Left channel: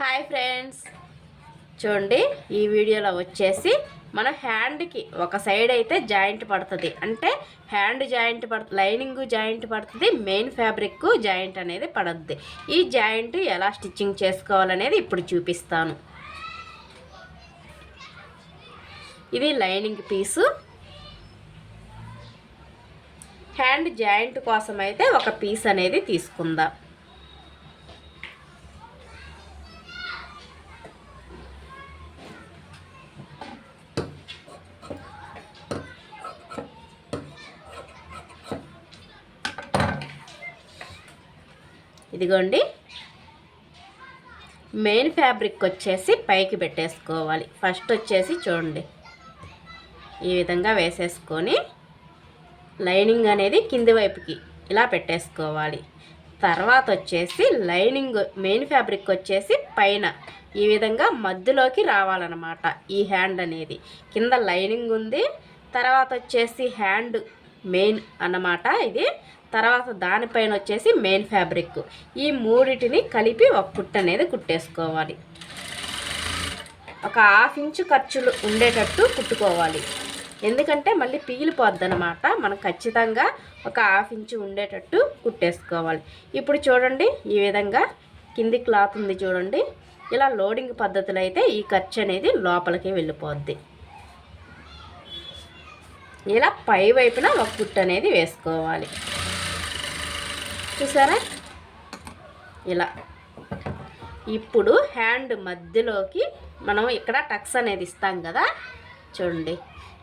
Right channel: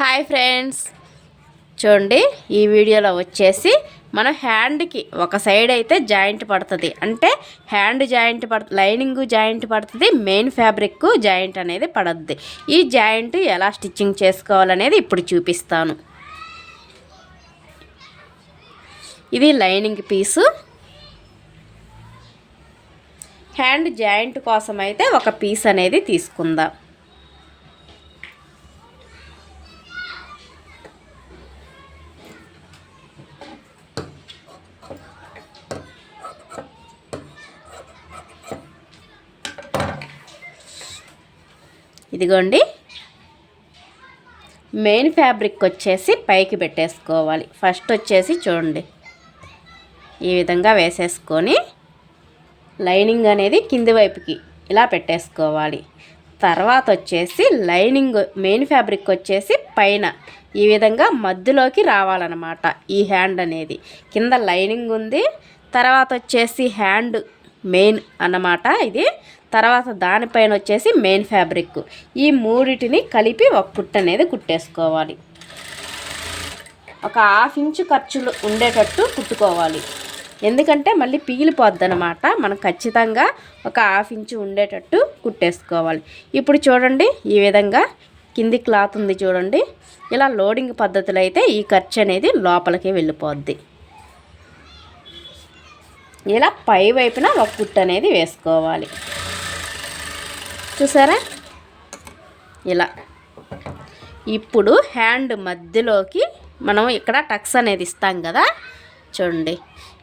Hi friends, చూడండి ఈ వీడియోలో వచ్చేసి మన హ్యాండ్కి ఒక సైడ్ అయితే జాయింట్ పడుతుంది, అంటే హ్యాండ్ జాయింట్ పడుతుంది, లైనింగ్ జాయింట్ పడుతుంది, మెయిన్ ఫ్యాబ్రిక్ జాయింట్ అనేది పడుద్ది. ఈ జాయింట్ ఎలా స్టిచ్చింగ్ చేసుకోవాలనేది ఇప్పుడు చూపిస్తాను. ఇది లైనింగ్ పీసు. హ్యాండ్ జాయింట్ కోసం అయితే ఒక పీస్ అనేది తీసుకుందాం. ఇదిగోండి, మెయిన్ ఫ్యాబ్రిక్ వచ్చేసి పైకి పెట్టేసుకోవాలి. ఫస్ట్ వచ్చేసి చూడండి ఈ విధంగా వేసేసుకొని లైనింగ్ అనేది కింది వైపుకి ఇలా పెట్టేసుకోవాలి. తర్వాత వచ్చేసి లైనింగ్ మెయిన్ ఫ్యాబ్రిక్ వచ్చేసి పైన ఈ విధంగా మధ్యలోకి రావాలన్నమాట. ఈ హ్యాండ్ అనేది కింద లైనింగ్ ఉంది, తర్వాత వచ్చేసి హ్యాండ్ మెయిన్ అన్నమాట ఇది. తర్వాత దానిపైన వచ్చేసి మెయిన్ ఫ్యాబ్రిక్. ఈ మూడిటిని కలిపి ఒక కుట్టు అనేది కుట్టేసుకోవాలి. ఒక 1/2 ఇంచు ఖర్చులు ఉండేటట్టు కుట్టుకోవాలి, ఎందుకంటే మళ్ళీ పిగిలిపోద్ది అనమాట. మనం ఖచ్చితంగా ఒక 1/2 ఇంచు ఉండేటట్టు కుట్టేసుకోవాలి. ఇప్పుడు చూడండి ఈ విధంగా కింది క్లాత్ ఉంది చూడండి. ఇలా లోడింగ్ పద్ధతిలో అయితే ఈ ఖర్చు అనేది లోపలికి వెళ్ళిపోద్ది. ఇలా పై వైపున ఒక కుట్టు అనేది వేసుకోవాలి. చూసారా ఇలా. ఇప్పుడు హ్యాండ్ మధ్యలోకి మనం ఇక్కడ టక్స్ అనేది ఇస్తాం కదా, చూడండి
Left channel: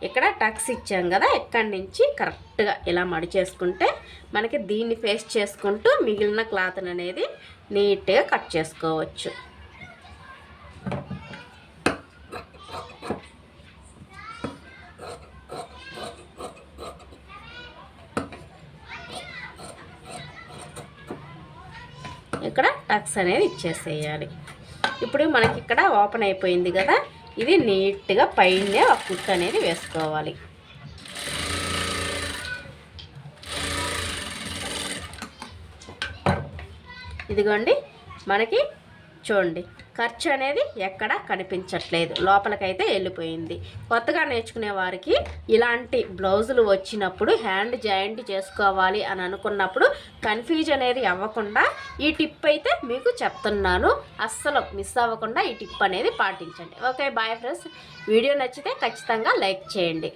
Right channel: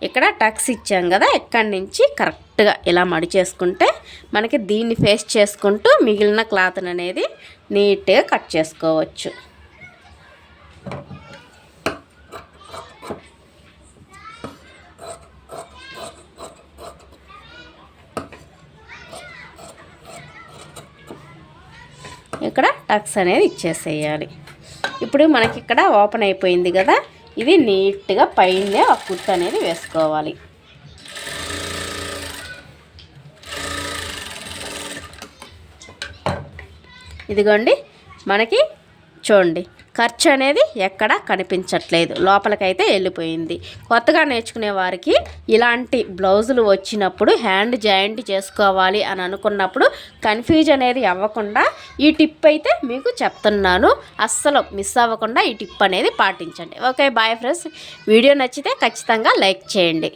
ఇక్కడ టక్స్ ఇచ్చాం కదా, ఇక్కడి నుంచి కరెక్ట్గా ఇలా మడి చేసుకుంటే మనకి దీన్ని ఫేస్ చేసుకుంటూ మిగిలిన క్లాత్ అనేది నీట్గా కట్ చేసుకోవచ్చు. ఇక్కడ టక్స్ అనేది ఇచ్చేసేయాలి. ఇప్పుడు మనకి ఇక్కడ ఓపెన్ అయిపోయింది కదా, ఇది నీట్గా పైనే ఒక కుట్టు అనేది వేసుకోవాలి. ఇదిగోండి మనకి చూడండి ఖర్చు అనేది ఎక్కడ కనిపించట్లేదు, లోపలికైతే వెళ్ళిపోయింది. కొత్తగా నేర్చుకునే వారికి ఇలాంటి బ్లౌజులు వచ్చినప్పుడు హ్యాండ్ జాయింట్ చేసుకోవాలి అని అనుకున్నప్పుడు కన్ఫ్యూజ్ అనేది అవ్వకుండా ఈ టిప్ అయితే మీకు చెప్తున్నాను. అస్సలు మిస్ అవ్వకుండా ఈ టిప్ అనేది పాటించండి. Okay, bye friends. వీడియో నచ్చితే ఖచ్చితంగా లైక్ చేయండి.